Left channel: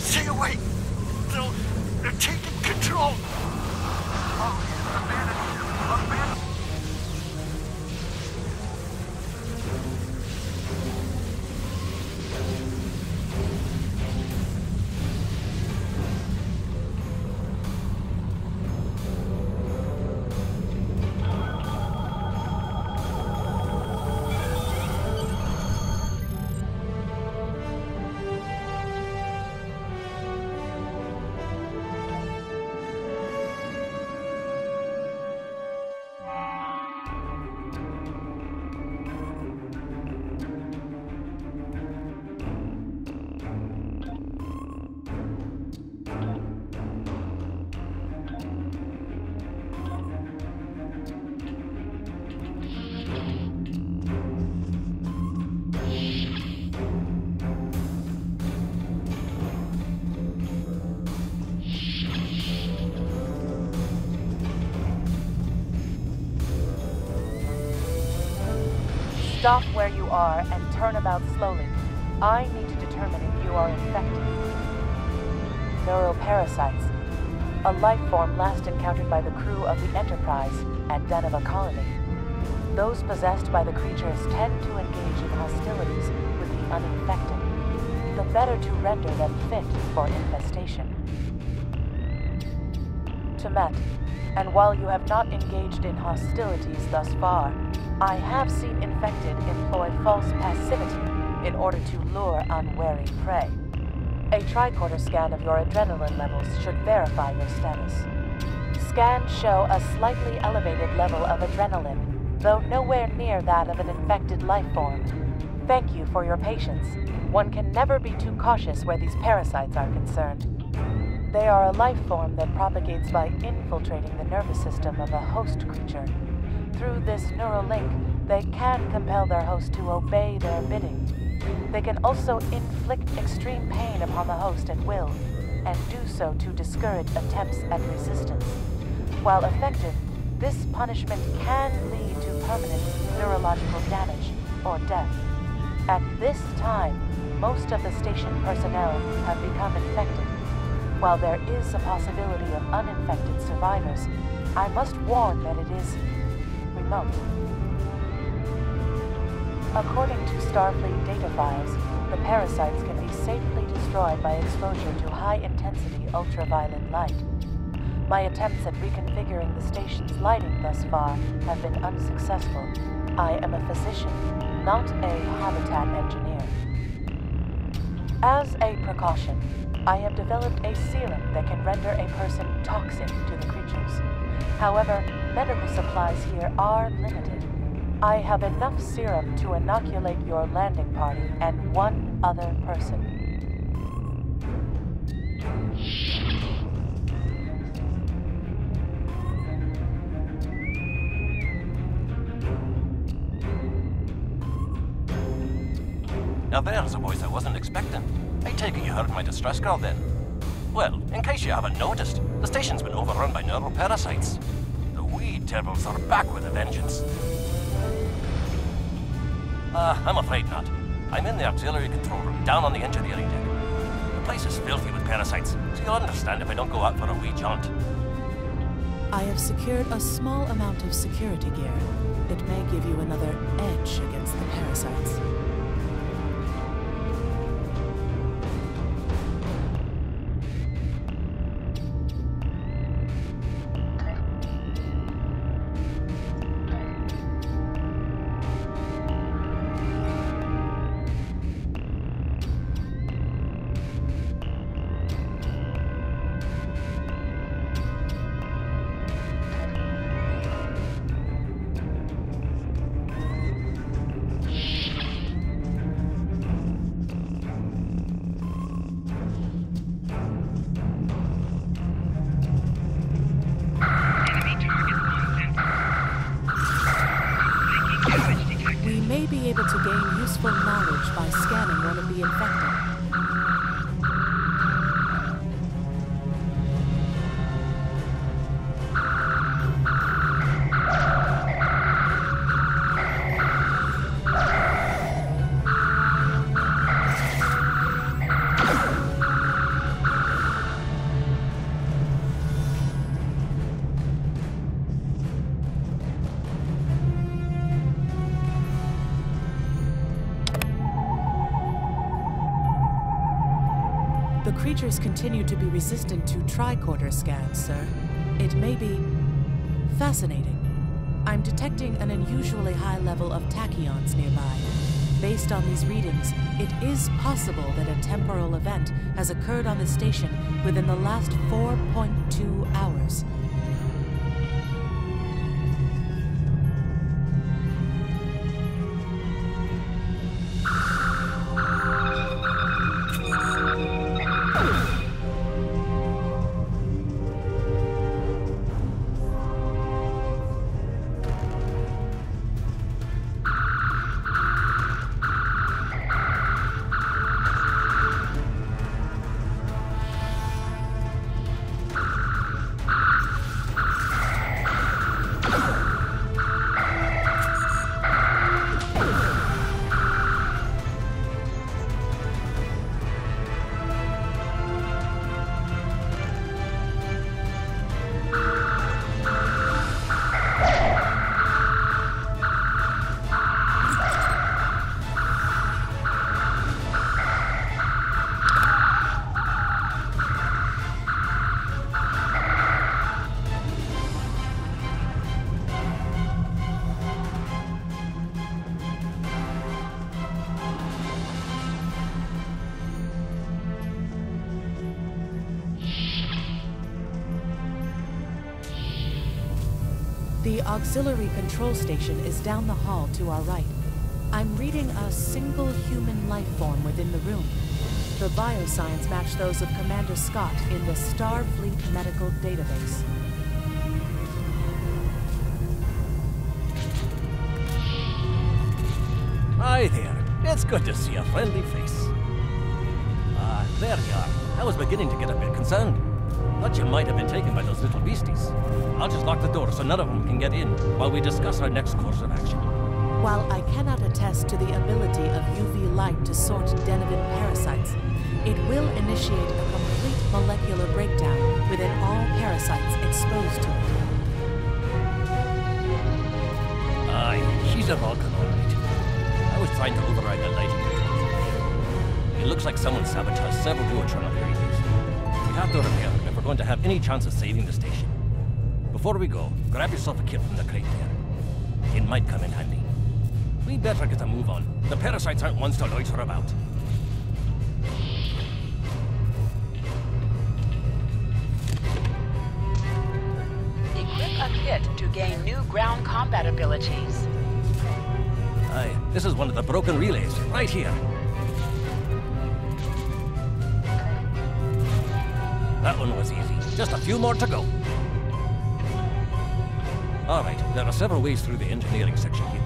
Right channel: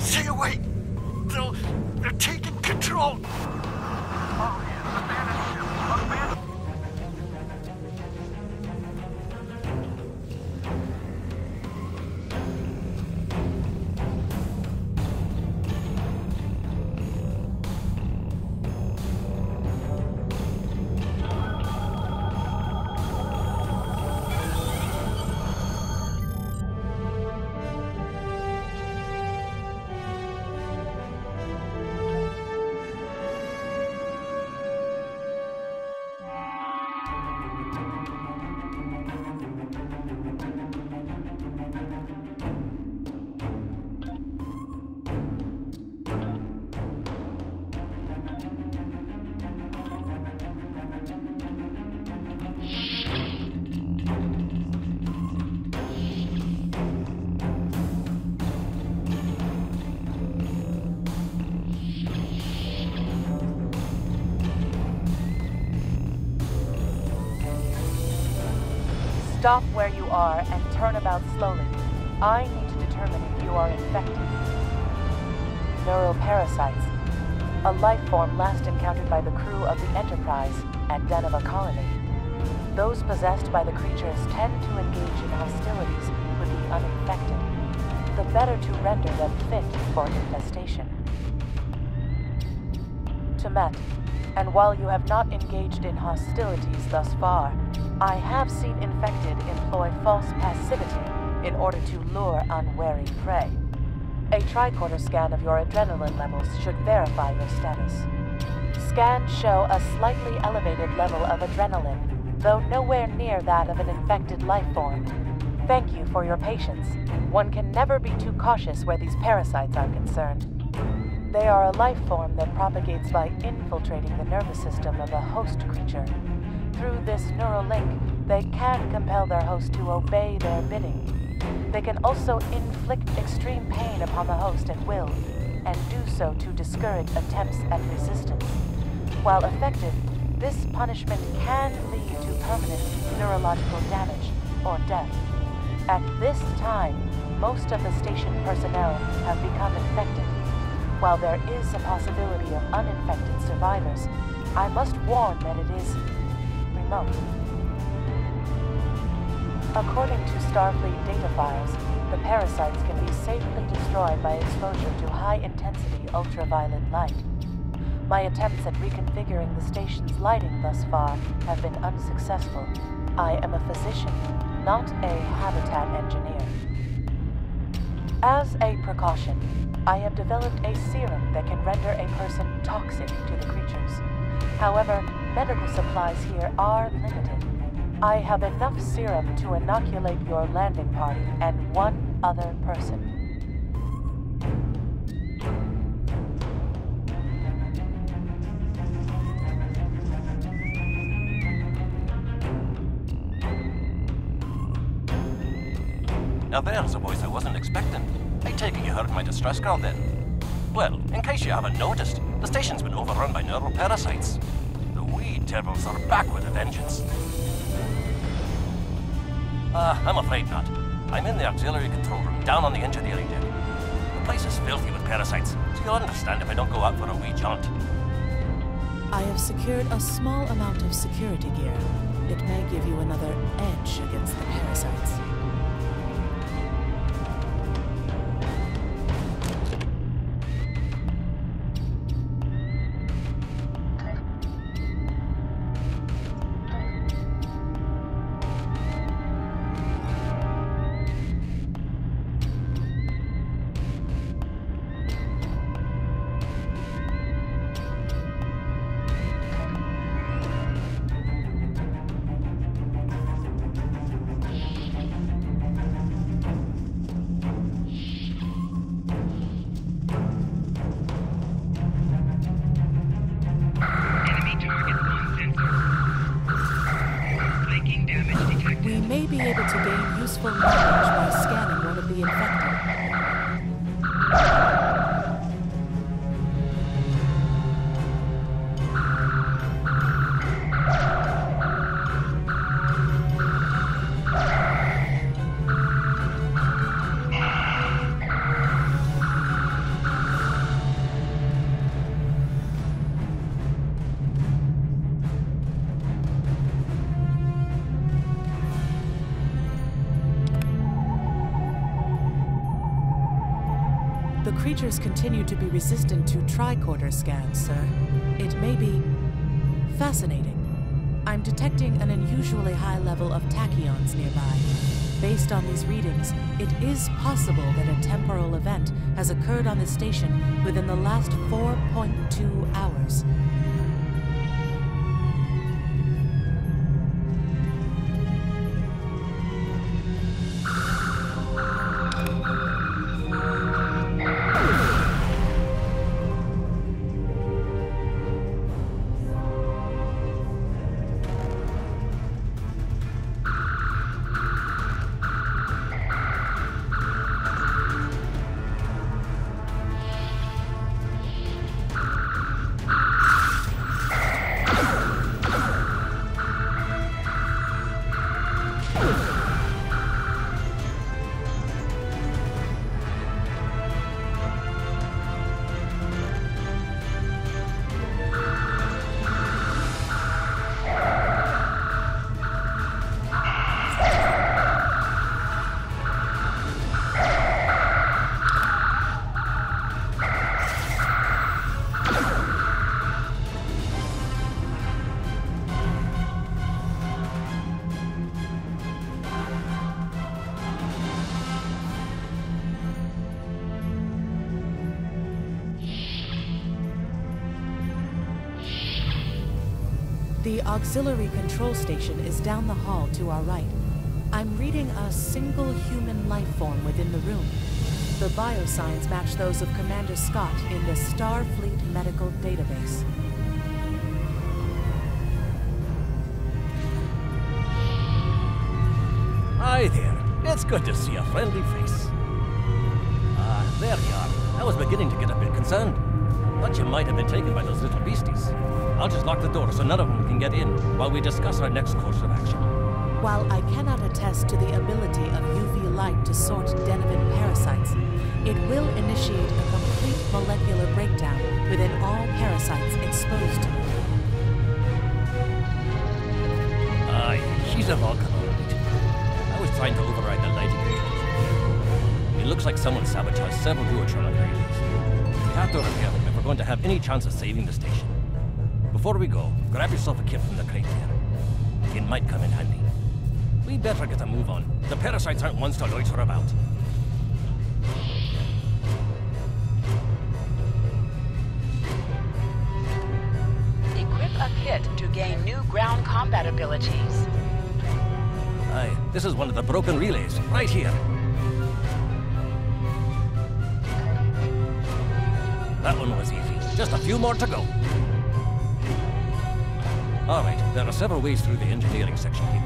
Stay away! They're taking control! Stop where you are and turn about slowly. I need to determine if you are infected. Neuroparasites, a life form last encountered by the crew of the Enterprise at Deneva Colony. Those possessed by the creatures tend to engage in hostilities with the uninfected, the better to render them fit for infestation. Temet, and while you have not engaged in hostilities thus far, I have seen infected employ false passivity in order to lure unwary prey. A tricorder scan of your adrenaline levels should verify your status. Scans show a slightly elevated level of adrenaline, though nowhere near that of an infected life form. Thank you for your patience. One can never be too cautious where these parasites are concerned. They are a life form that propagates by infiltrating the nervous system of a host creature. Through this neural link, they can compel their host to obey their bidding. They can also inflict extreme pain upon the host at will, and do so to discourage attempts at resistance. While effective, this punishment can lead to permanent neurological damage or death. At this time, most of the station personnel have become infected. While there is a possibility of uninfected survivors, I must warn that it is remote. According to Starfleet data files, the parasites can be safely destroyed by exposure to high-intensity ultraviolet light. My attempts at reconfiguring the station's lighting thus far have been unsuccessful. I am a physician, not a habitat engineer. As a precaution, I have developed a serum that can render a person toxic to the creatures. However, medical supplies here are limited. I have enough serum to inoculate your landing party and one other person. Now there's a voice I wasn't expecting. I take it you heard my distress call then. Well, in case you haven't noticed, the station's been overrun by neuroparasites. The wee devils are back with a vengeance. I'm afraid not. I'm in the auxiliary control room, down on the engineering deck. The place is filthy with parasites, so you'll understand if I don't go out for a wee jaunt. I have secured a small amount of security gear. It may give you another edge against the parasites. may be able to gain useful knowledge by scanning one of the infected. The creatures continue to be resistant to tricorder scans, sir. It may be fascinating. I'm detecting an unusually high level of tachyons nearby. Based on these readings, it is possible that a temporal event has occurred on the station within the last 4.2 hours. The auxiliary control station is down the hall to our right. I'm reading a single human life form within the room. The biosigns match those of Commander Scott in the Starfleet Medical Database. Hi there. It's good to see a friendly face. There you are. I was beginning to get a bit concerned. Thought you might have been taken by those little beasties. I'll just lock the door so none of them can get in while we discuss our next course of action. While I cannot attest to the ability of UV light to sort Denevan parasites, it will initiate a complete molecular breakdown within all parasites exposed to it. Aye, she's a Vulcan, all right. I was trying to override the lighting controls from here. It looks like someone sabotaged several duotronic relays. We have to repair them if we're going to have any chance of saving the station. Before we go, grab yourself a kit from the crate there. It might come in handy. We better get a move on. The parasites aren't ones to loiter about. Equip a kit to gain new ground combat abilities. Aye, this is one of the broken relays, right here. That one was easy. Just a few more to go. All right, there are several ways through the engineering section here.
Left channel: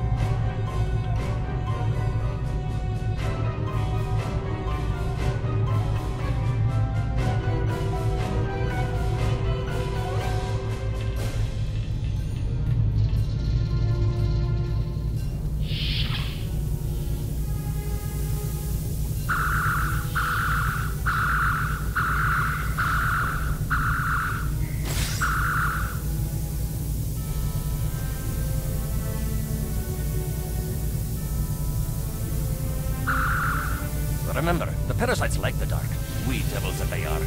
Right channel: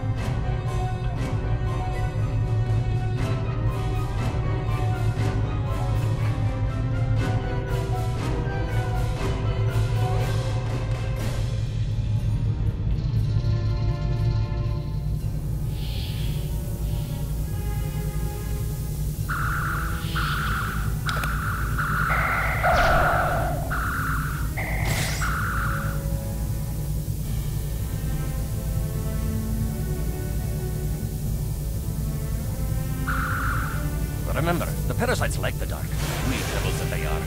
Remember, the parasites like the dark. We devils that they are.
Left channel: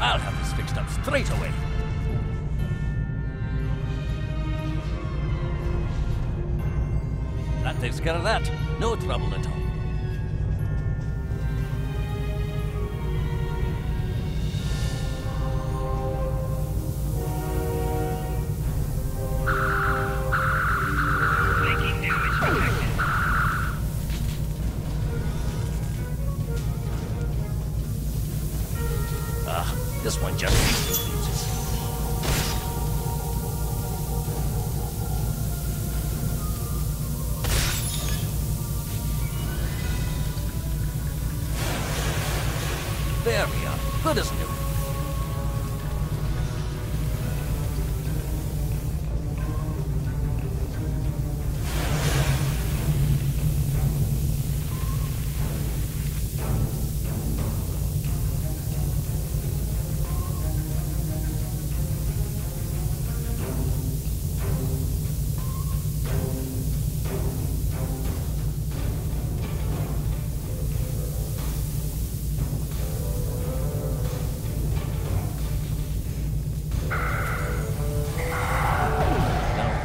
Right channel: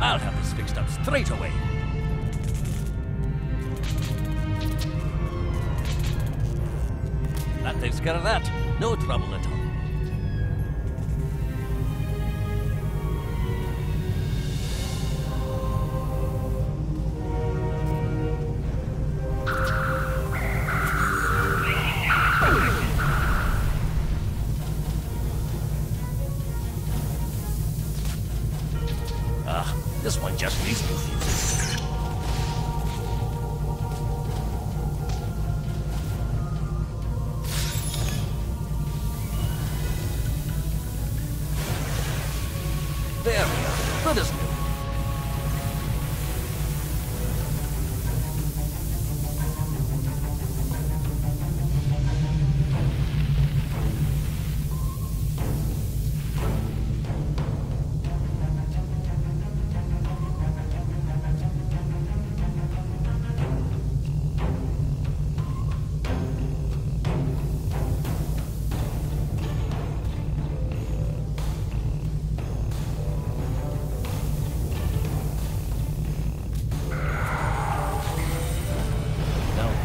I'll have this fixed up straight away. That takes care of that. No trouble at all. This one just needs new fuses.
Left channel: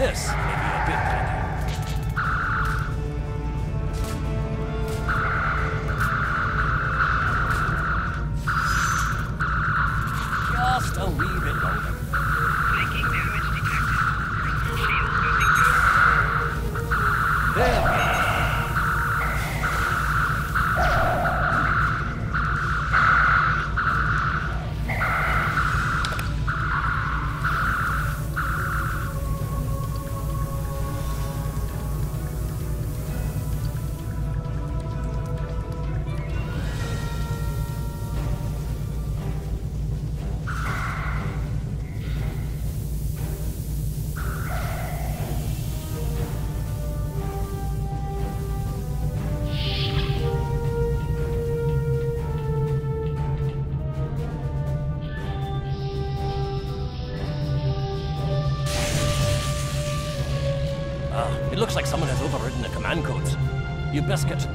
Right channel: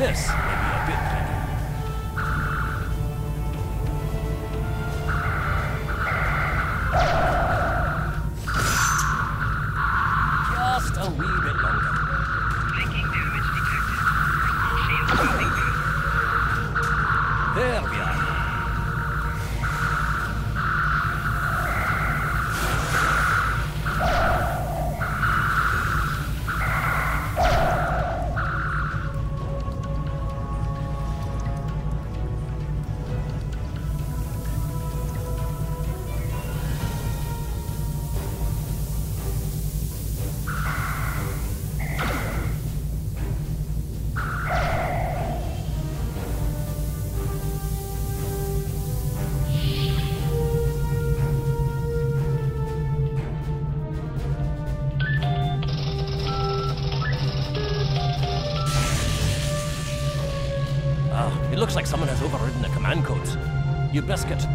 This may be a bit tricky. Just a wee bit longer. Blinking damage detected. Shield holding good. There we are. It looks like someone has overridden the command codes. You best get...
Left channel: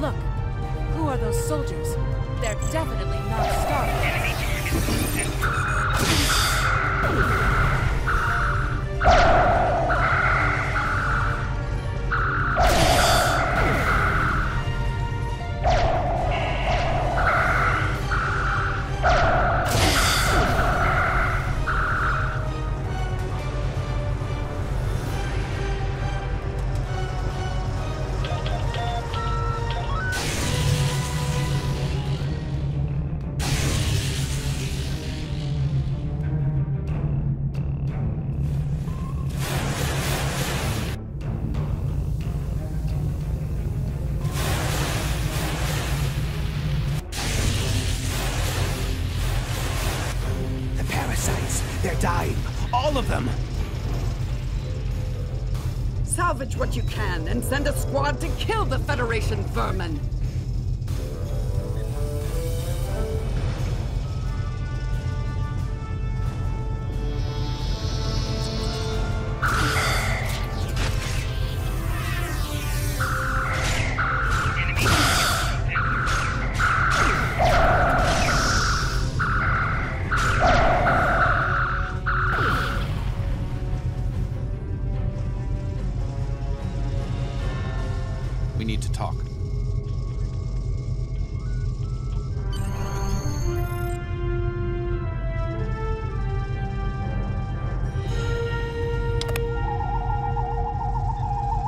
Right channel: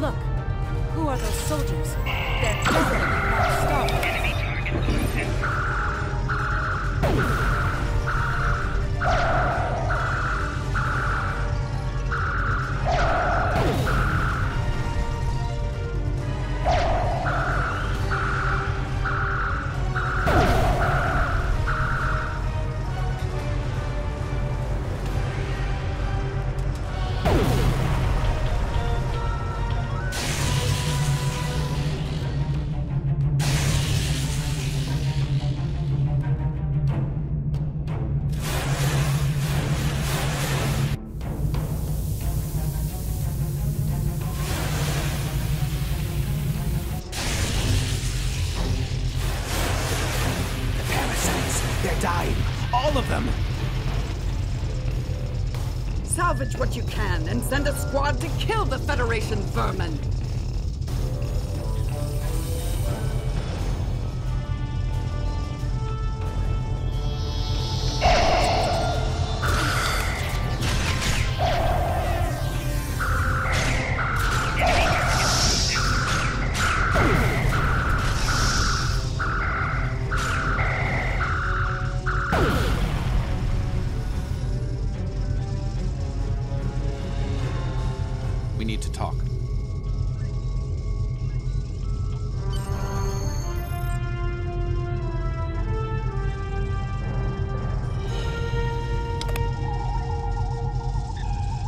Look, who are those soldiers? They're definitely not stopped. Enemy targets on center. They're dying. All of them. Salvage what you can and send a squad to kill the Federation vermin. We need to talk.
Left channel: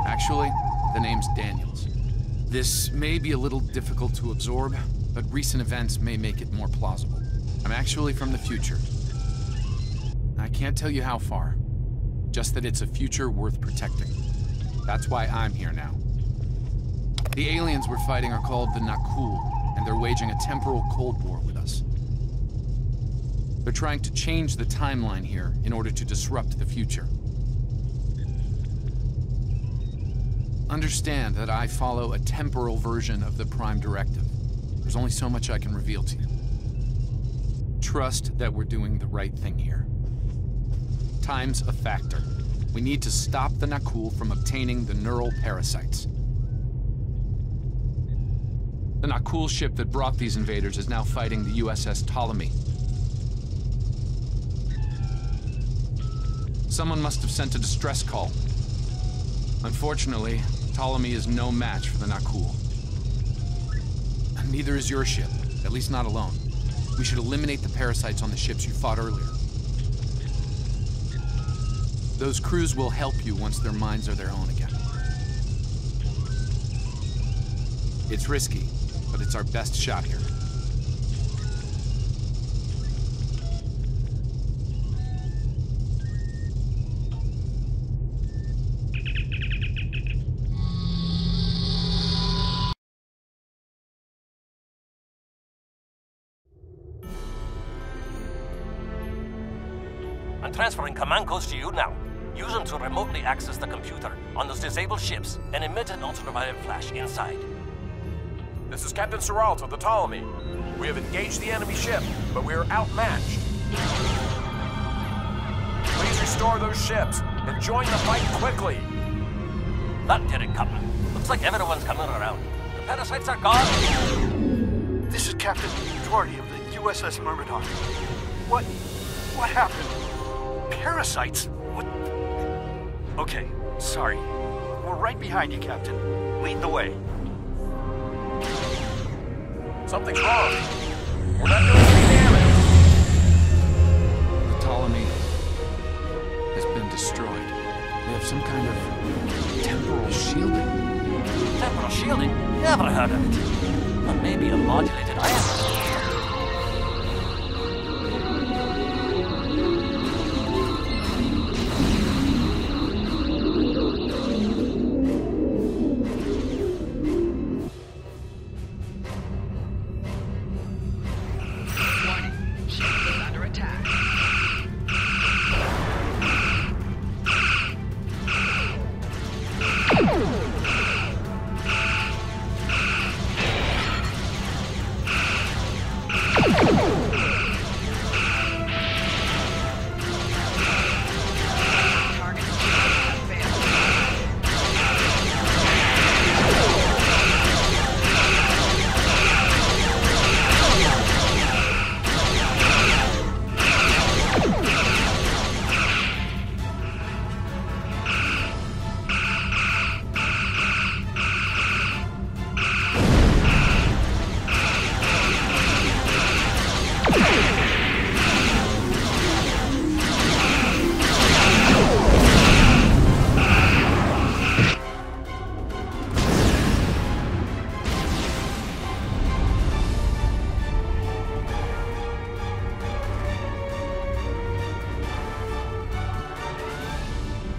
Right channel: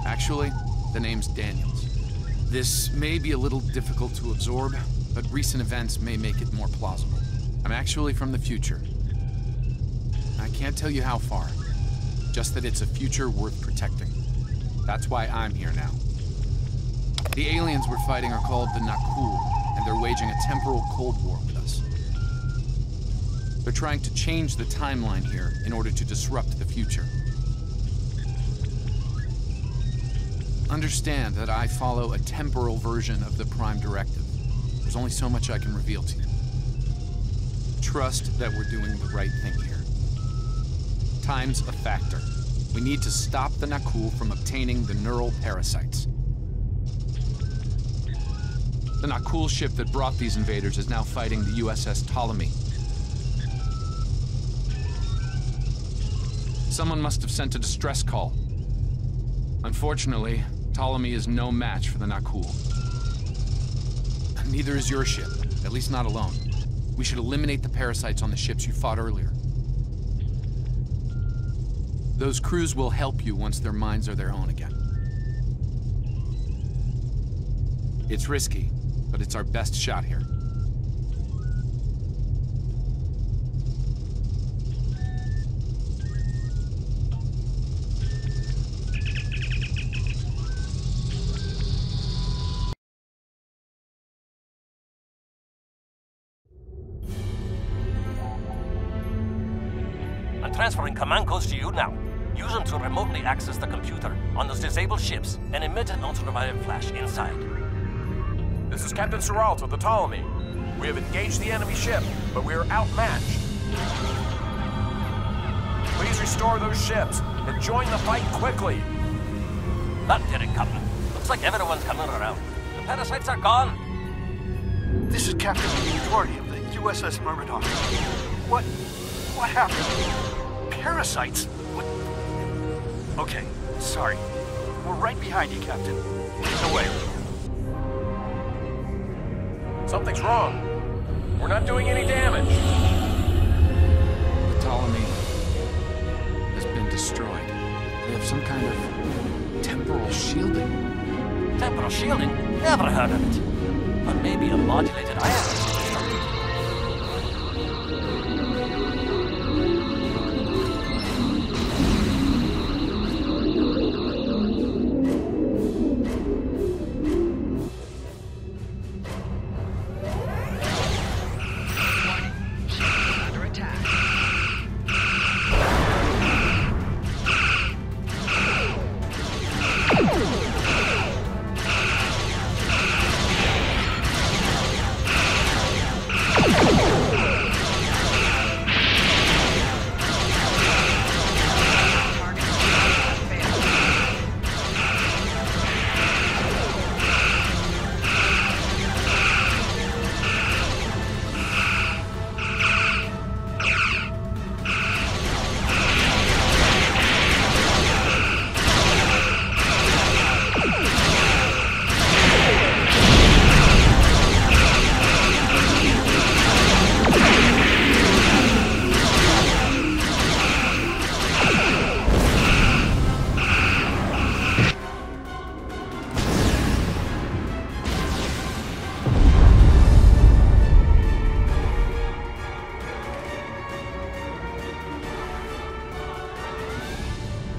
Actually, the name's Daniels. This may be a little difficult to absorb, but recent events may make it more plausible. I'm actually from the future. I can't tell you how far, just that it's a future worth protecting. That's why I'm here now. The aliens we're fighting are called the Nakul, and they're waging a temporal Cold War with us. They're trying to change the timeline here in order to disrupt the future. Understand that I follow a temporal version of the Prime Directive. There's only so much I can reveal to you. Trust that we're doing the right thing here. Time's a factor. We need to stop the Nakul from obtaining the neural parasites. The Nakul ship that brought these invaders is now fighting the USS Ptolemy. Someone must have sent a distress call. Unfortunately, Ptolemy is no match for the Nakul. Neither is your ship, at least not alone. We should eliminate the parasites on the ships you fought earlier. Those crews will help you once their minds are their own again. It's risky, but it's our best shot here. I'm transferring command codes to you now. Use them to remotely access the computer on those disabled ships and emit an ultraviolet flash inside. This is Captain Seralt of the Ptolemy. We have engaged the enemy ship, but we are outmatched. Please restore those ships and join the fight quickly. That did it, Captain. Looks like everyone's coming around. The parasites are gone. This is Captain Doherty of the USS Myrmidon. What happened? Parasites? What? Okay, sorry. We're right behind you, Captain. Lead the way. Something's wrong. We're not doing any damage. The Ptolemy has been destroyed. They have some kind of temporal shielding. Temporal shielding? Never heard of it. But maybe a modulated ion was constructed.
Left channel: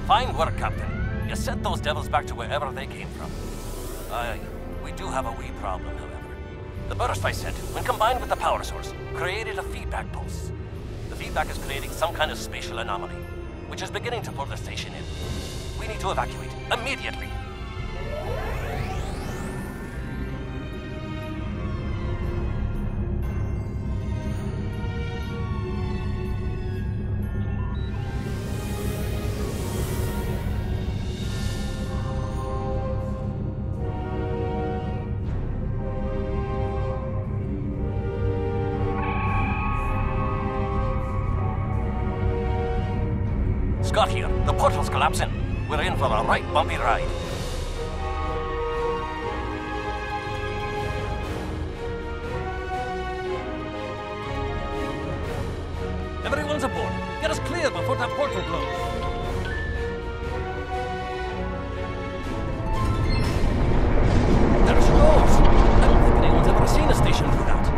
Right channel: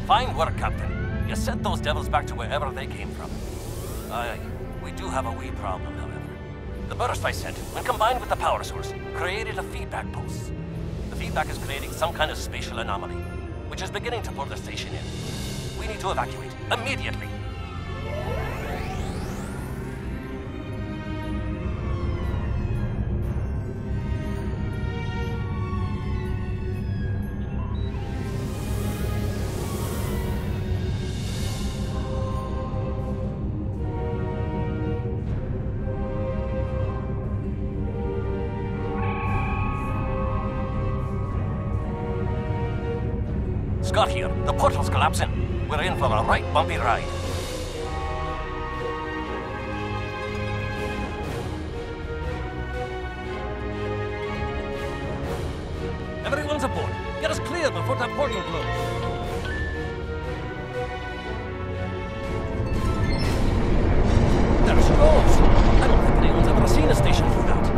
Fine work, Captain. You sent those devils back to wherever they came from. Aye, we do have a wee problem, however. The burst I sent, when combined with the power source, created a feedback pulse. The feedback is creating some kind of spatial anomaly, which is beginning to pull the station in. We need to evacuate, immediately. Scott here. The portal's collapsing. We're in for a right bumpy ride. Everyone's aboard. Get us clear before that portal blows. There she goes. I don't think anyone's ever seen a station do that.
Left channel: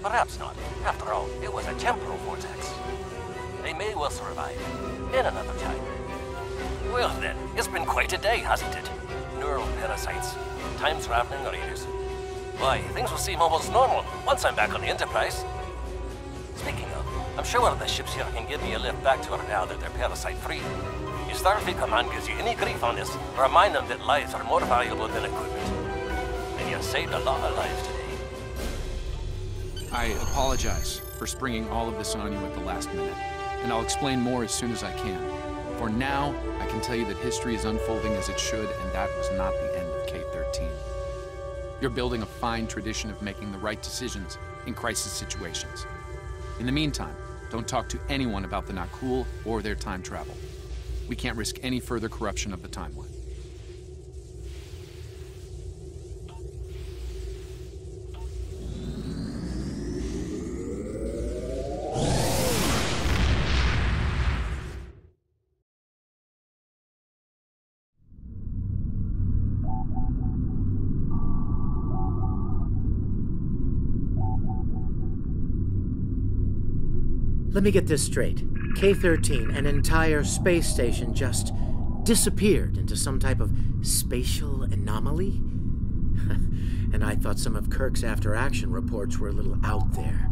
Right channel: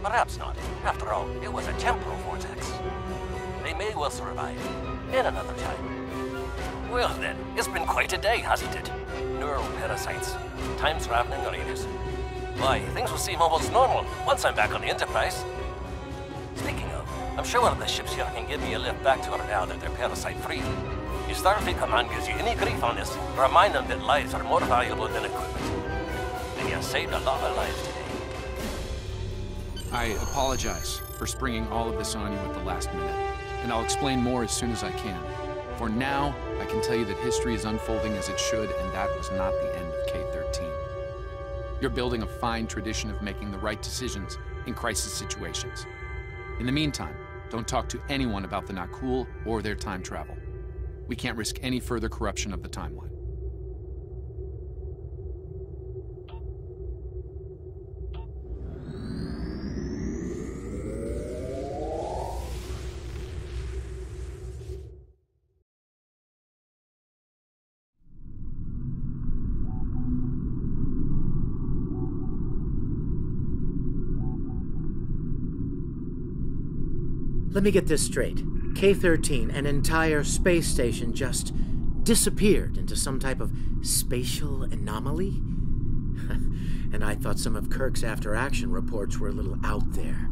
Perhaps not. After all, it was a temporal vortex. They may well survive. In another time. Well then, it's been quite a day, hasn't it? Neural parasites, time-traveling raiders. Why, things will seem almost normal once I'm back on the Enterprise. Speaking of, I'm sure the ships here can give me a lift back to her now that they're parasite-free. If Starfleet Command gives you any grief on this, remind them that lives are more valuable than equipment. And you saved a lot of lives today. I apologize for springing all of this on you at the last minute, and I'll explain more as soon as I can. For now, I can tell you that history is unfolding as it should, and that was not the end of K-13. You're building a fine tradition of making the right decisions in crisis situations. In the meantime, don't talk to anyone about the Nakul or their time travel. We can't risk any further corruption of the timeline. Let me get this straight. K-13, an entire space station, just disappeared into some type of spatial anomaly? And I thought some of Kirk's after-action reports were a little out there.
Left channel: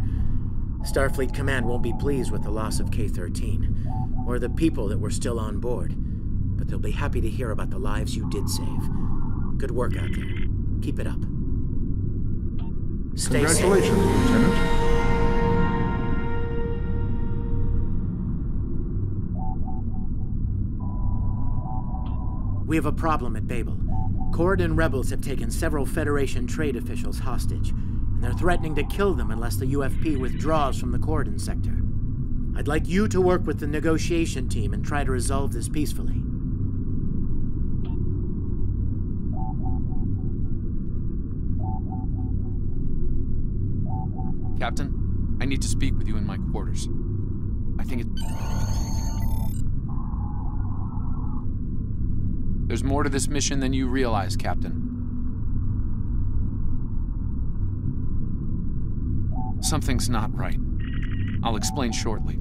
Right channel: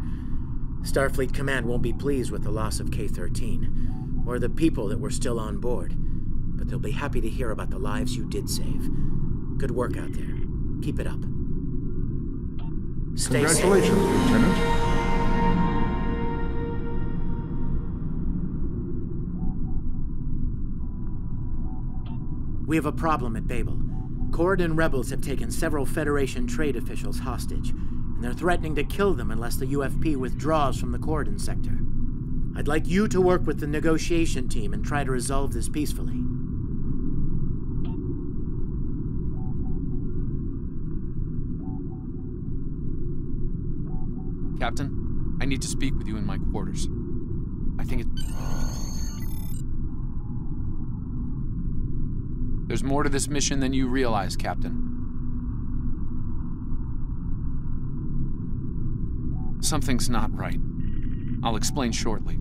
Starfleet Command won't be pleased with the loss of K-13, or the people that were still on board, but they'll be happy to hear about the lives you did save. Good work out there. Keep it up. Stay Congratulations, safe. Lieutenant. We have a problem at Babel. Cord and rebels have taken several Federation trade officials hostage, and they're threatening to kill them unless the UFP withdraws from the Cordon sector. I'd like you to work with the negotiation team and try to resolve this peacefully. Captain, I need to speak with you in my quarters. I think it... There's more to this mission than you realize, Captain. Something's not right. I'll explain shortly.